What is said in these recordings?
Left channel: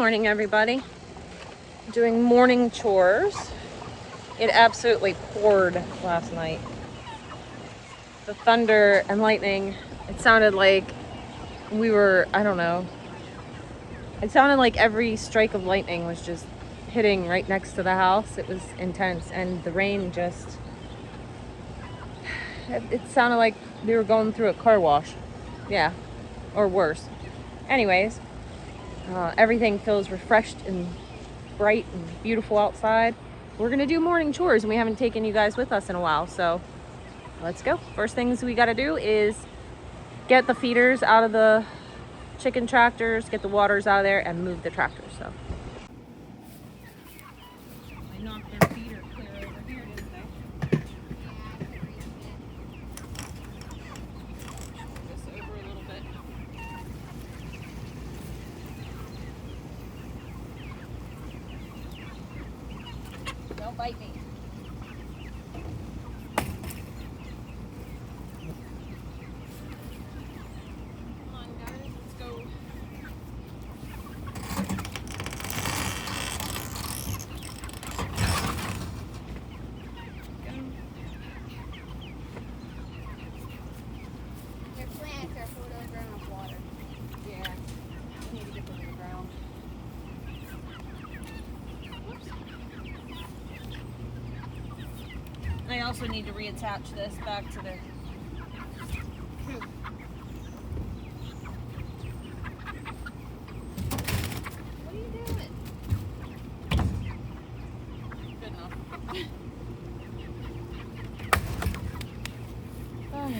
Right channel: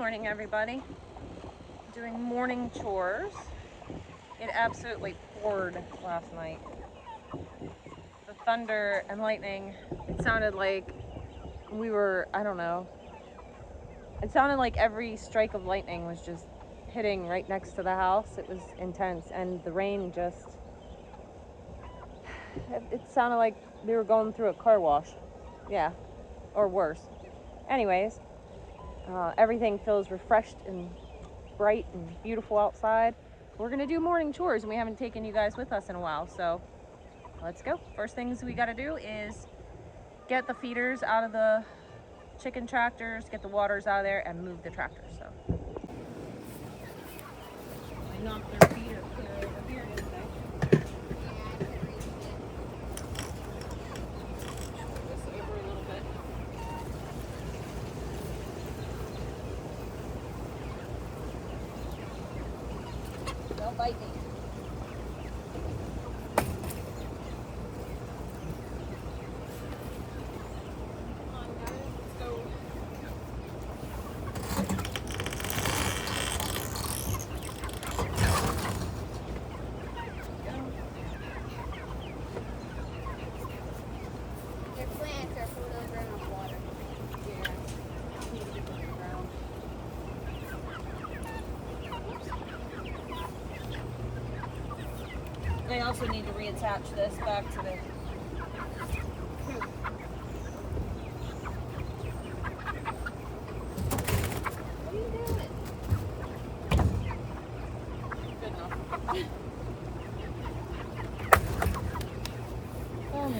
morning, everybody. Doing morning chores. It absolutely poured last night. The thunder and lightning, it sounded like we were, I don't know. It sounded like every strike of lightning was just hitting right next to the house. It was intense, and the rain just, it sounded like we were going through a car wash. Yeah, or worse. Anyways, everything feels refreshed and bright and beautiful outside. We're gonna do morning chores, and we haven't taken you guys with us in a while, so let's go. First things we gotta do is get the feeders out of the chicken tractors, get the waters out of there, and move the tractors. So I knocked their feeder clear over here, didn't I? This over a little bit. Don't bite me. Come on, guys, let's go. Your plants are full of groundwater. Yeah, I need to get them in the ground. And I also need to reattach this back to the coop. What are you doing? Good enough. Oh.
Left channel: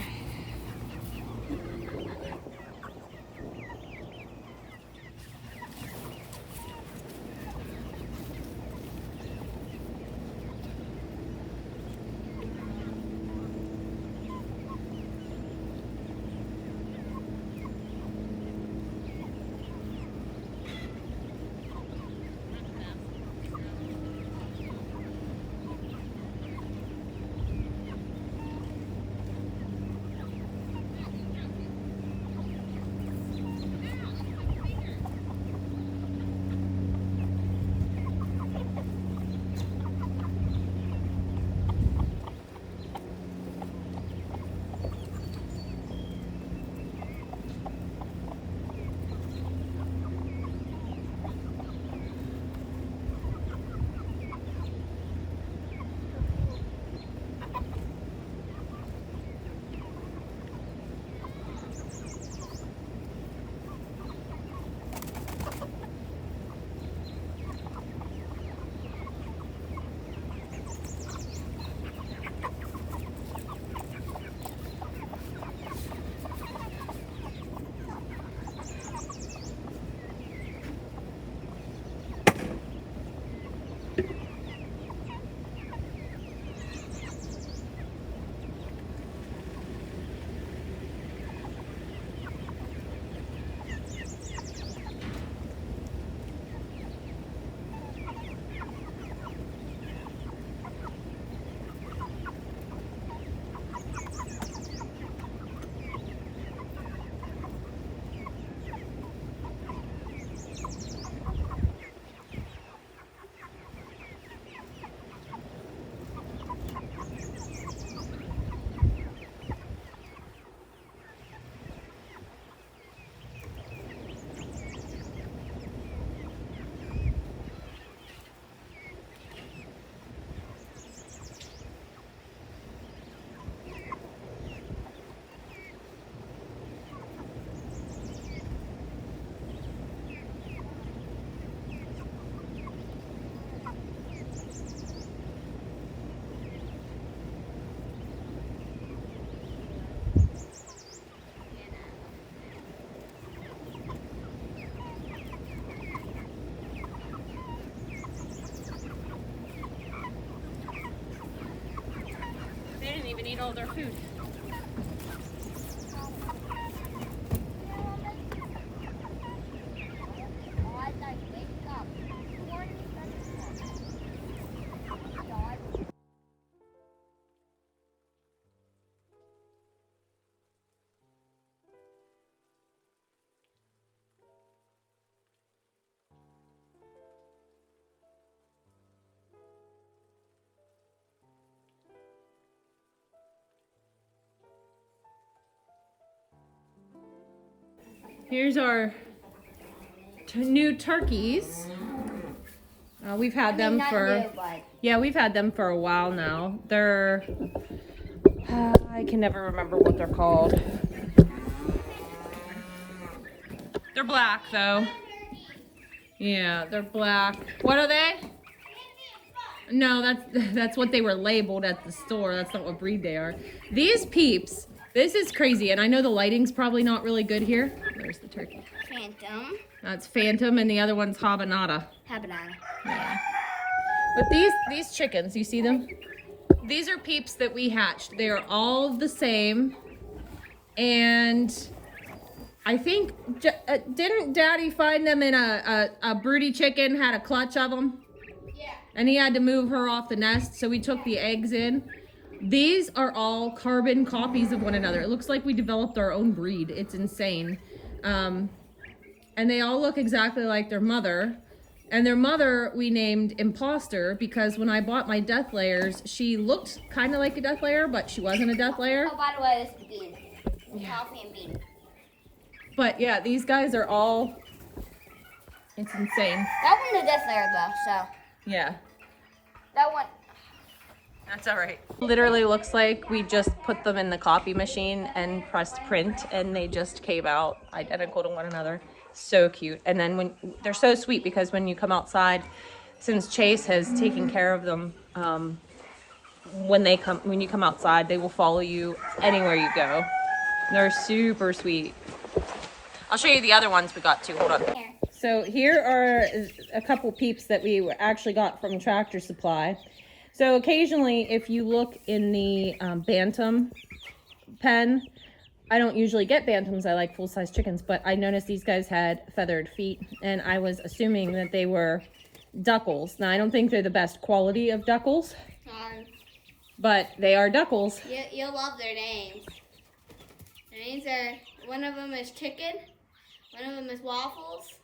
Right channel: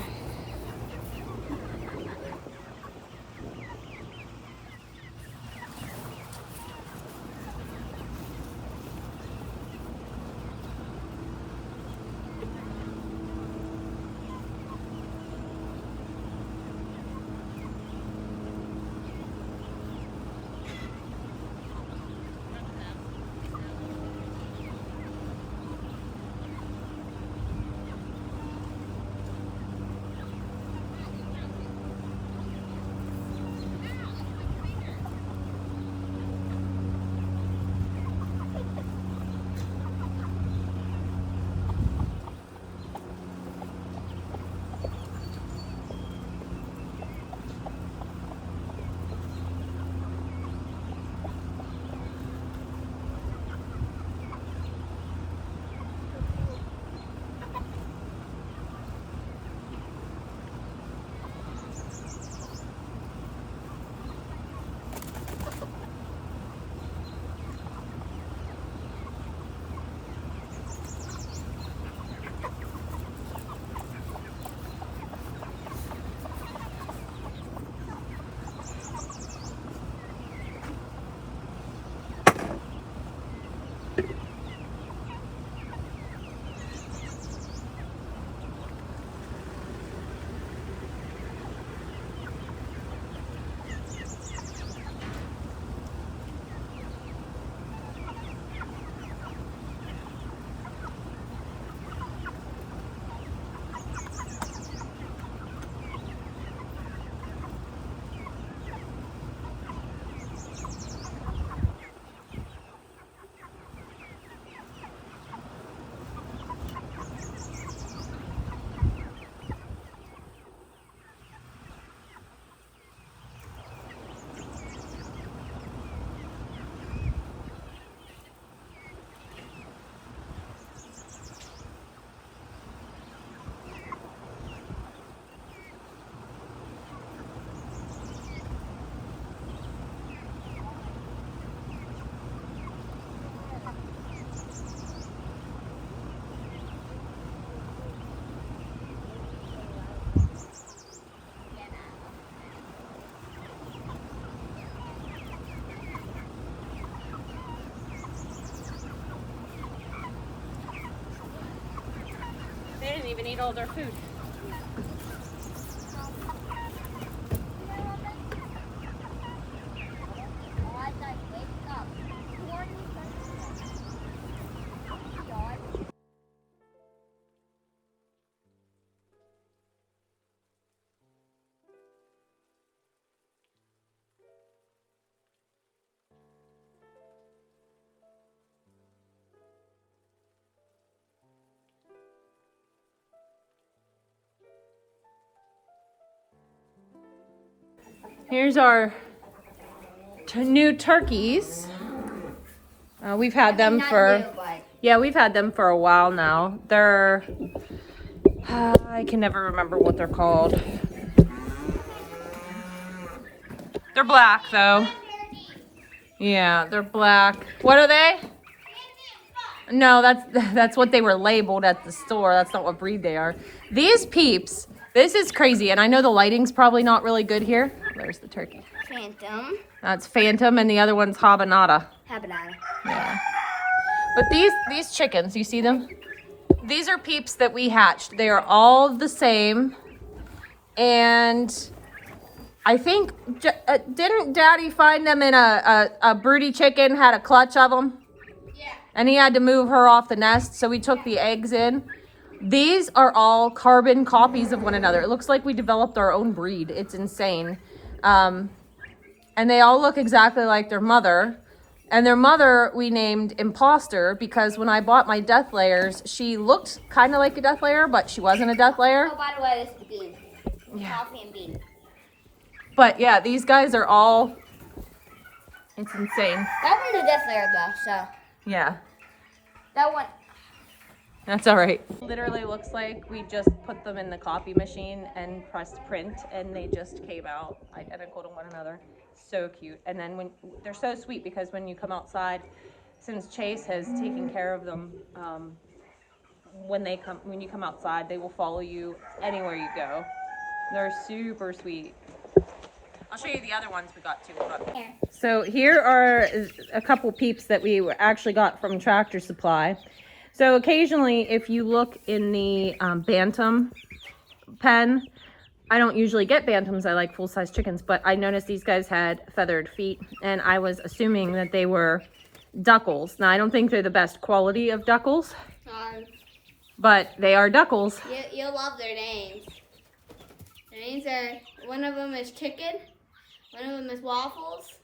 They didn't even eat all their food. Here's our new turkeys. We've had them for, yeah, we've had them for a while now. They're, I can never remember what they're called. They're black though. Yeah, they're black. What are they? No, that's what they were labeled at the store. That's not what breed they are. These peeps, this is crazy. And I know the lighting's probably not really good here. There's the turkey. Phantom. That's Phantom, and the other one's Habanada. Habanada. Yeah. But these chickens, you see them? These are peeps that we hatched. They are all the same. And I think, didn't Daddy find them in a broody chicken, had a clutch of them? Yeah. And he had to move her off the nest, so we took the eggs in. These are all carbon copies of one another. It looks like we developed our own breed. It's insane. And they all look exactly like their mother. And their mother we named Imposter because when I bought my death layers, she looked kind of like a death layer, but she wasn't a death layer. Oh, by the way, this is bean. Yeah. Coffee and bean. But yeah, these guys are all, it's insane. That one's a death layer though, so. Yeah, That one. that's all right. Literally looks like we just put them in the copy machine and pressed print and they just came out identical to one another. So cute. And then when they're so sweet because when you come outside, since Chase has taken care of them, when you come outside, they will follow you anywhere you go. They're super sweet. I'll show you the other ones we got too. Hold on. Here. So here are a couple peeps that we actually got from Tractor Supply. So occasionally, if you look in the bantam pen, I don't usually get bantams. I like full-size chickens, but I noticed these guys had feathered feet, and I was assuming that they were duckles. Now, I don't think they're the best quality of duckles, but they are duckles. You'll love their names. Their names are, one of them is Chicken, one of them is Waffles,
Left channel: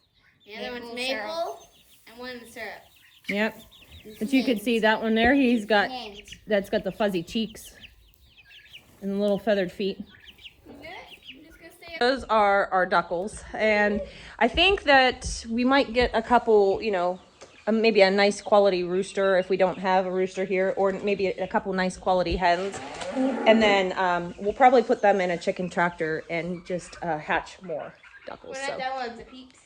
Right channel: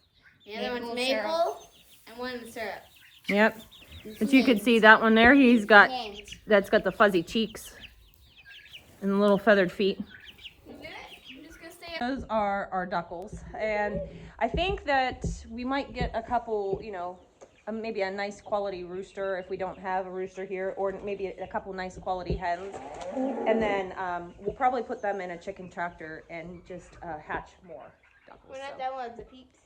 the other one's Maple, and one is Syrup. Yep. But you could see that one there. That's got the fuzzy cheeks and the little feathered feet. Those are our duckles, and I think that we might get a couple, you know, maybe a nice quality rooster if we don't have a rooster here, or maybe a couple nice quality hens, and then we'll probably put them in a chicken tractor and just hatch more duckles. We're not done with the peeps.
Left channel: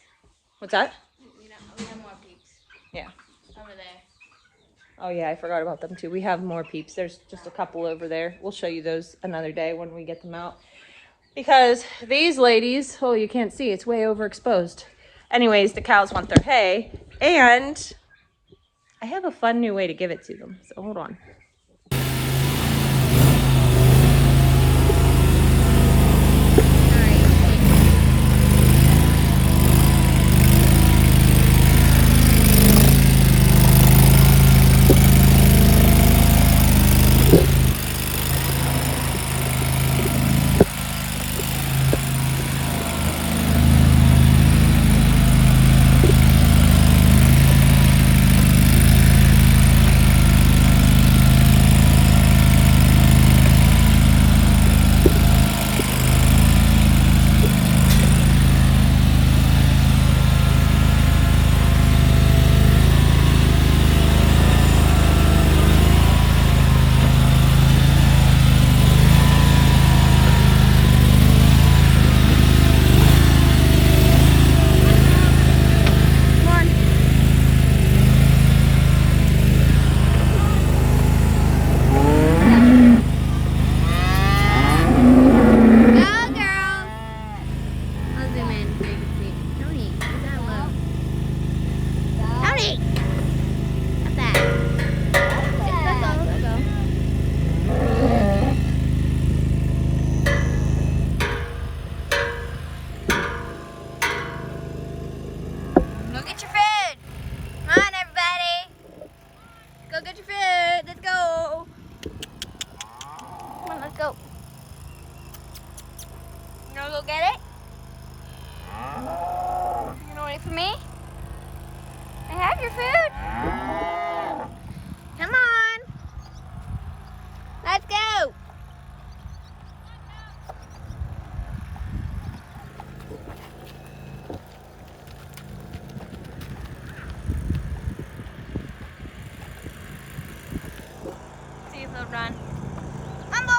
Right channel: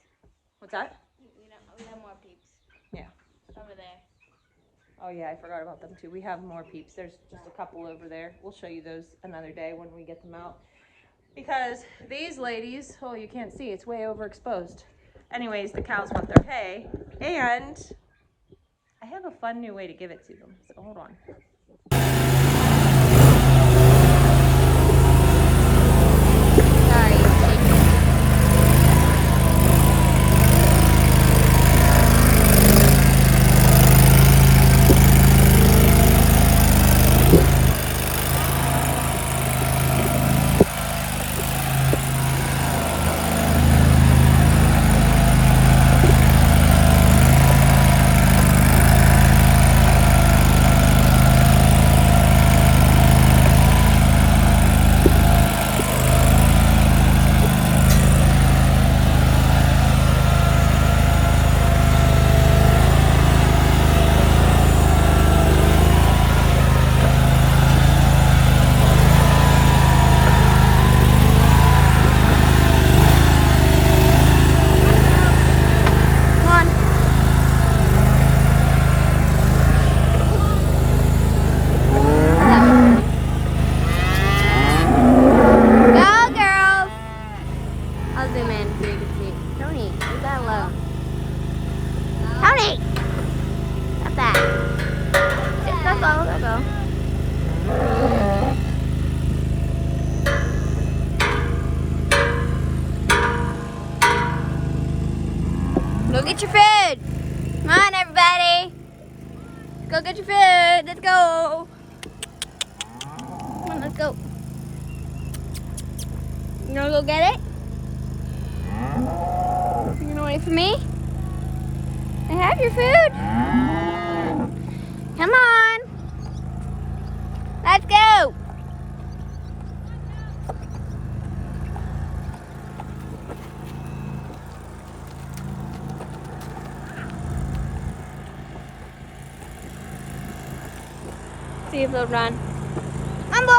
What's that? We have more peeps. Yeah. Over there. Oh yeah, I forgot about them too. We have more peeps. There's just a couple over there. We'll show you those another day when we get them out. Because these ladies, oh, you can't see, it's way overexposed. Anyways, the cows want their hay, and I have a fun new way to give it to them. So hold on. Go get your food. Come on, everybody. Go get your food. Let's go. Come on, let's go. You gonna go get it? You gonna wait for me? I have your food. Come on. Let's go. See if they'll run. Come on, boys!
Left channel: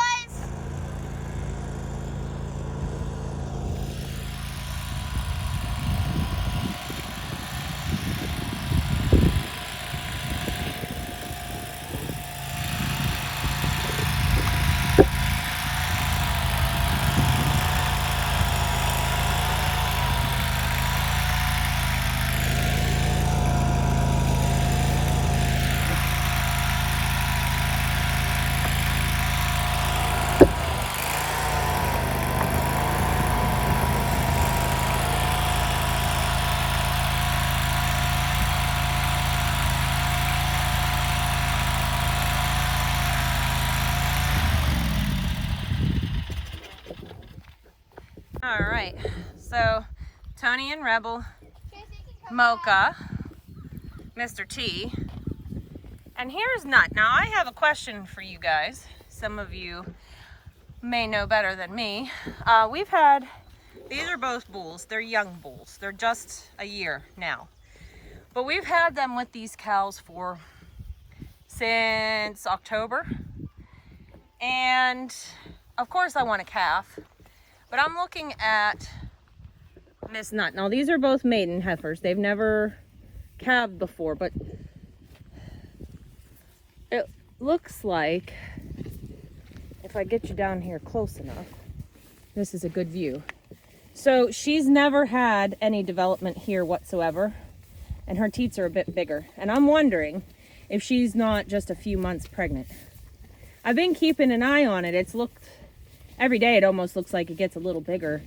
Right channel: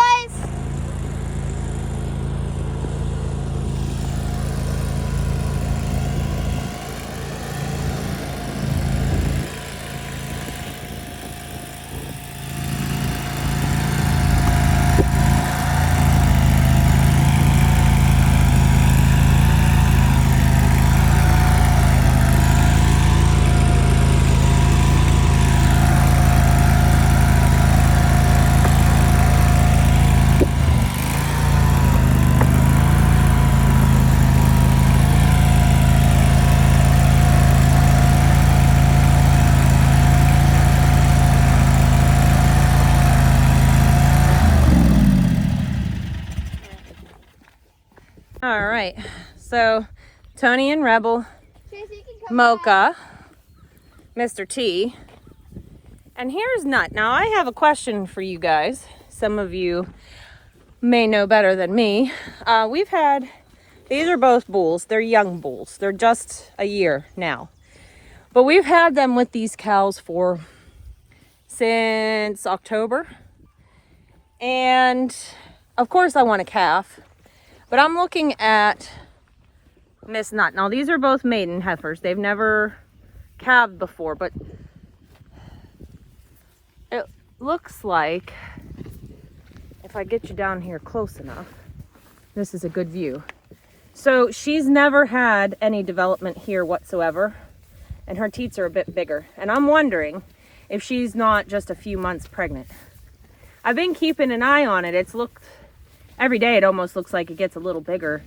All right, so Tony and Rebel, Mocha, Mr. T, and here's Nut. Now I have a question for you guys. Some of you may know better than me. These are both bulls. They're young bulls. They're just a year now. But we've had them with these cows since October. And of course I want a calf. But I'm looking at Miss Nut. Now these are both maiden heifers. They've never calved before, but it looks like, if I get you down here close enough, this is a good view. So she's never had any development here whatsoever, and her teats are a bit bigger. And I'm wondering if she's not just a few months pregnant. I've been keeping an eye on it. Every day it almost looks like it gets a little bigger,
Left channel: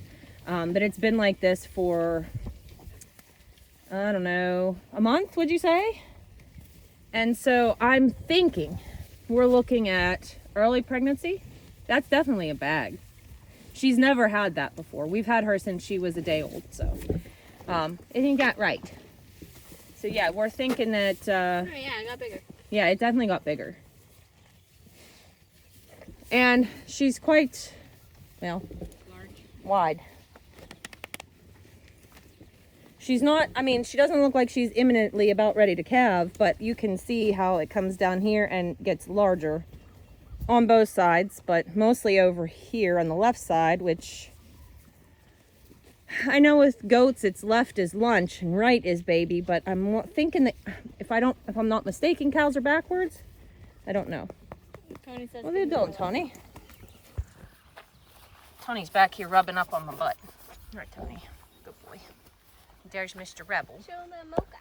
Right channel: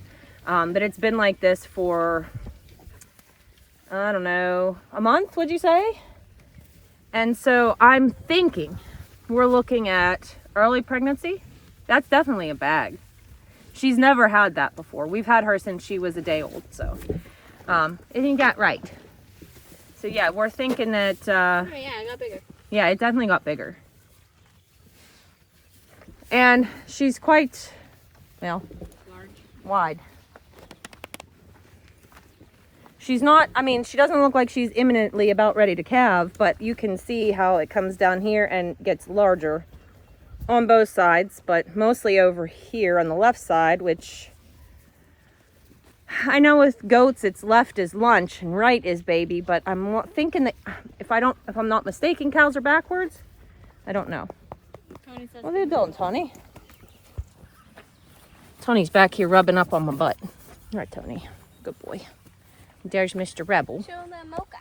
but it's been like this for, I don't know, a month, would you say? And so I'm thinking we're looking at early pregnancy. That's definitely a bag. She's never had that before. We've had her since she was a day old, so isn't that right? So yeah, we're thinking that, Oh yeah, it got bigger. yeah, it definitely got bigger. And she's quite, well, Large. wide. She's not, I mean, she doesn't look like she's imminently about ready to calve, but you can see how it comes down here and gets larger on both sides, but mostly over here on the left side, which I know with goats it's left is lunch and right is baby, but I'm thinking that if I'm not mistaken, cows are backwards. I don't know. Tony says What are you doing, Tony? Tony's back here rubbing up on my butt. All right, Tony. Good boy. There's Mr. Rebel. show them Mocha.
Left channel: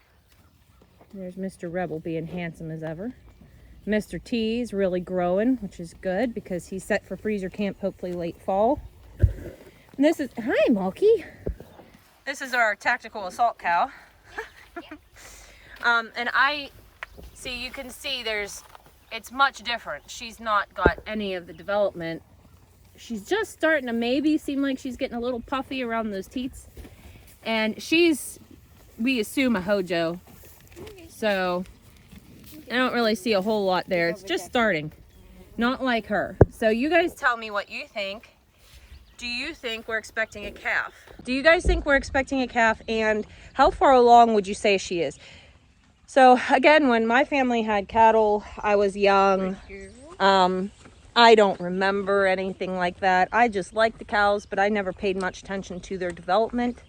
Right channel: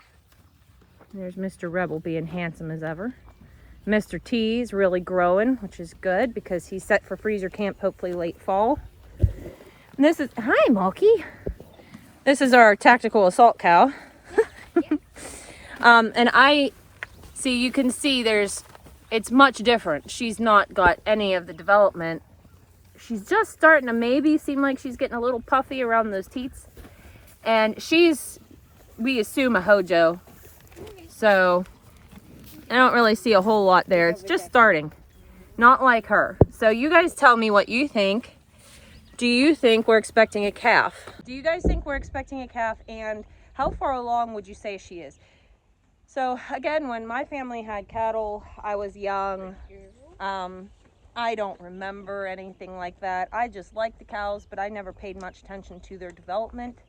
There's Mr. Rebel being handsome as ever. Mr. T is really growing, which is good because he's set for freezer camp hopefully late fall. And this is, hi, Milky. This is our tactical assault cow. And you can see it's much different. She's not got any of the development. She's just starting to maybe seem like she's getting a little puffy around those teats. And we assume a Hojo. So I don't really see a whole lot there. It's just starting. Not like her. So you guys tell me what you think. Do you think we're expecting a calf? Do you guys think we're expecting a calf? And how far along would you say she is? So again, when my family had cattle, I was young. I don't remember anything like that. I just liked the cows, but I never paid much attention to their development.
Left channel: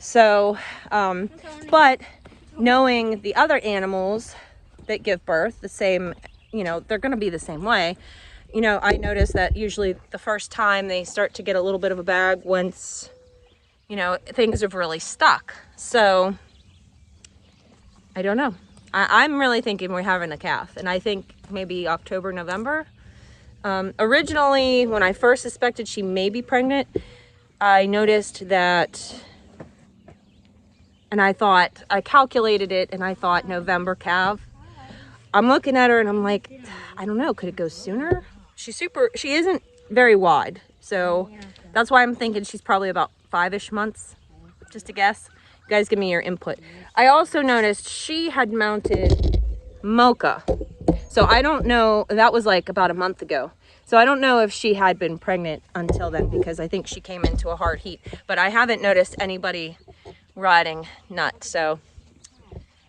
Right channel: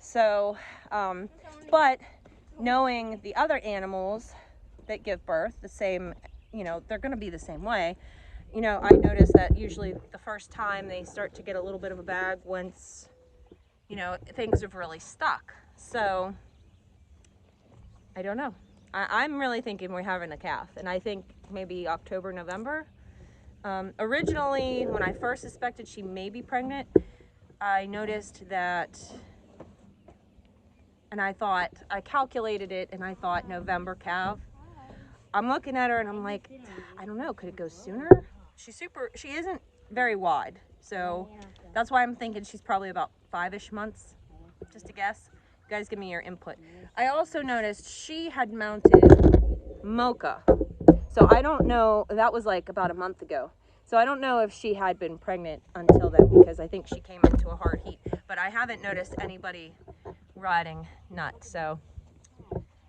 So, but knowing the other animals that give birth the same, they're going to be the same way. I noticed that usually the first time they start to get a little bit of a bag once, things have really stuck. So I don't know. I'm really thinking we're having a calf, and I think maybe October, November. Originally, when I first suspected she may be pregnant, I noticed that, and I calculated it, and I thought November calf. I'm looking at her and I'm like, I don't know, could it go sooner? She isn't very wide, so that's why I'm thinking she's probably about 5-ish months, just a guess. You guys give me your input. I also noticed she had mounted Mocha. So I don't know, that was like about a month ago. So I don't know if she had been pregnant until then, because I think she came into a hard heat. But I haven't noticed anybody riding Nut. So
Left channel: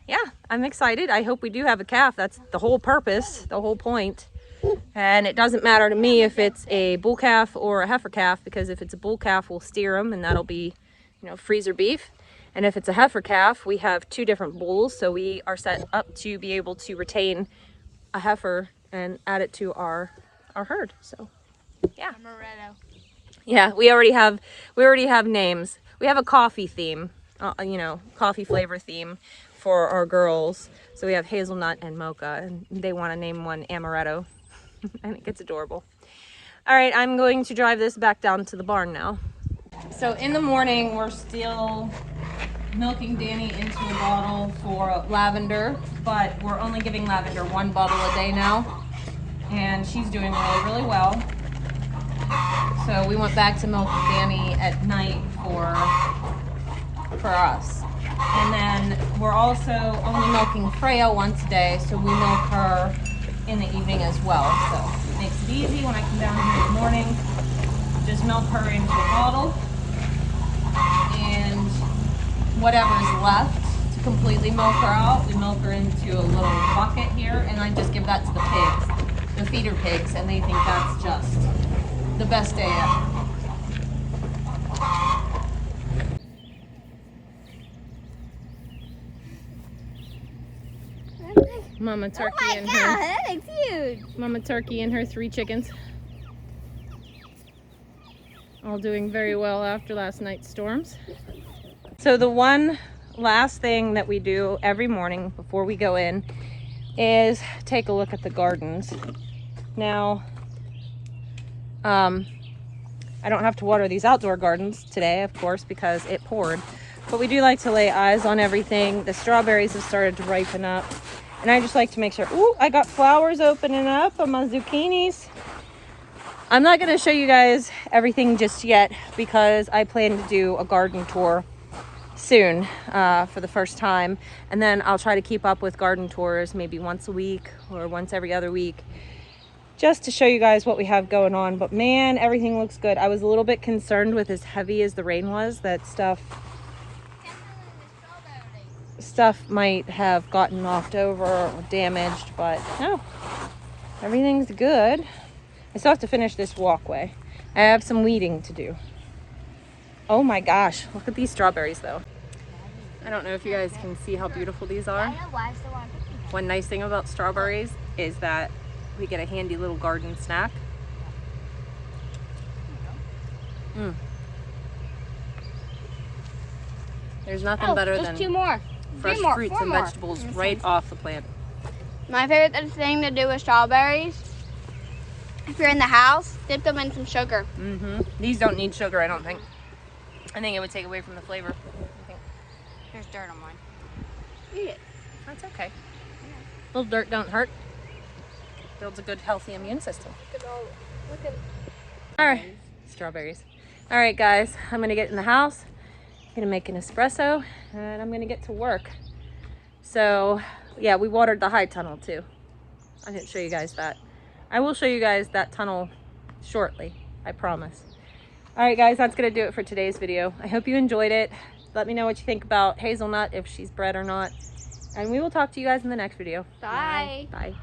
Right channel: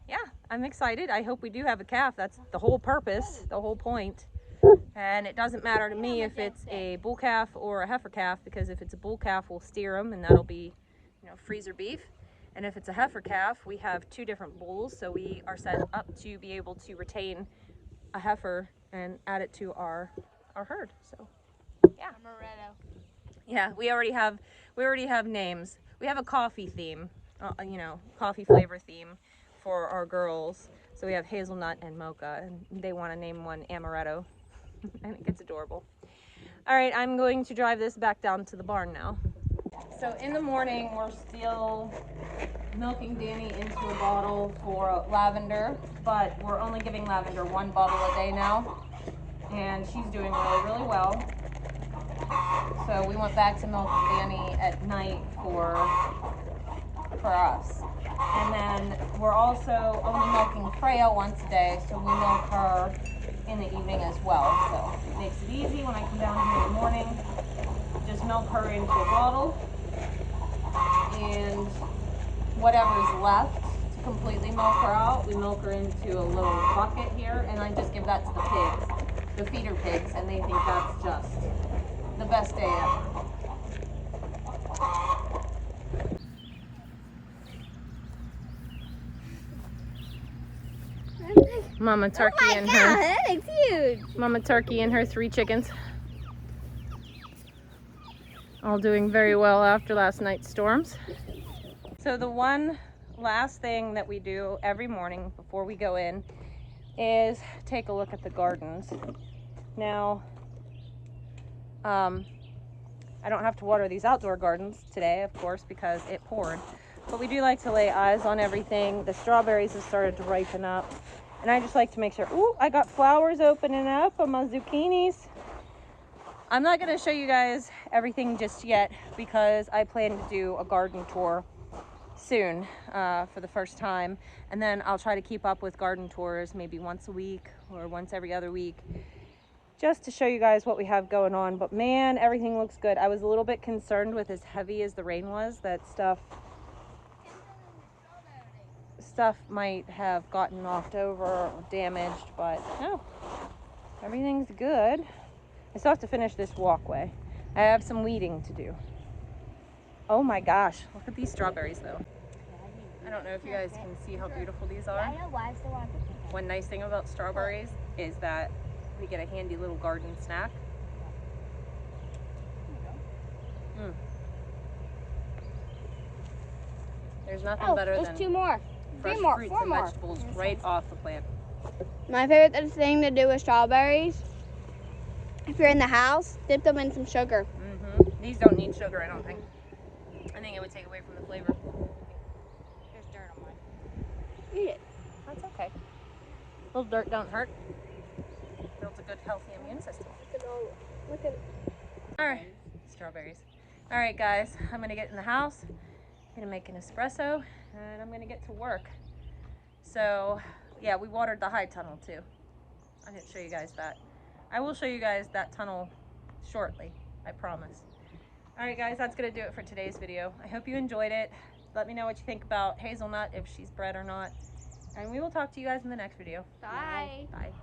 yeah, I'm excited. I hope we do have a calf. That's the whole purpose, the whole point. And it doesn't matter to me if it's a bull calf or a heifer calf, because if it's a bull calf, we'll steer them and that'll be, you know, freezer beef. And if it's a heifer calf, we have 2 different bulls, so we are set up to be able to retain a heifer and add it to our herd. So yeah. Yeah, we already have names. We have a coffee theme, you know, coffee flavor theme for our girls. So we have hazelnut and mocha, and they want to name one amaretto. I think it's adorable. All right, I'm going to drive this back down to the barn now. So in the morning, we're still milking Danny into a bottle for Lavender, but we're only giving Lavender 1 bottle a day now, and she's doing really, really well. So we went back to milking Danny at night for us. And then we're also only milking Freya once a day, so we milk her in the evening as well. So it makes it easy when I come down here in the morning. Just milk her into a bottle, and whatever's left to completely milk her out, we milk her into a little bucket here, and I just give that to the pigs, the feeder pigs, and they think that's just the best day ever. Mama Turkey and her. That is huge. Mama Turkey and her 3 chickens. All doing very well after last night's storms. So the one last thing that we do every morning before we go in is take a look at the gardens. Now, I don't have to water these outdoor gardens today, of course, because it poured. But we do like to lay eyes on everything. The strawberries have started to ripen up. And I just like to make sure, ooh, I got flowers opening up on my zucchinis. I'm not going to show you guys everything just yet because I plan to do a garden tour soon for the first time. And then I'll try to keep up with garden tours maybe once a week or once every other week, just to show you guys what we have going on. But man, everything looks good. I was a little bit concerned with as heavy as the rain was that stuff might have gotten knocked over or damaged, but no, everything's good. I still have to finish this walkway. I have some weeding to do. Oh my gosh, look at these strawberries though. I don't know if you guys can see how beautiful these are. One nice thing about strawberries is that we get a handy little garden snack. There's nothing better than 2 more. fresh fruits and vegetables right off the plant. My favorite thing to do with strawberries, if you're in the house, dip them in some sugar. These don't need sugar, I don't think. I think it would take away from the flavor. There's dirt on mine. Eat it. That's okay. A little dirt don't hurt. Builds a good, healthy immune system. Look at All right, strawberries. All right, guys, I'm gonna get in the house. I'm gonna make an espresso, and I'm gonna get to work. So, yeah, we watered the high tunnel too. I didn't show you guys that. I will show you guys that tunnel shortly, I promise. All right, guys, that's gonna do it for today's video. I hope you enjoyed it. Let me know what you think about Hazelnut, if she's bred or not. And we will talk to you guys in the next video. Bye. Bye.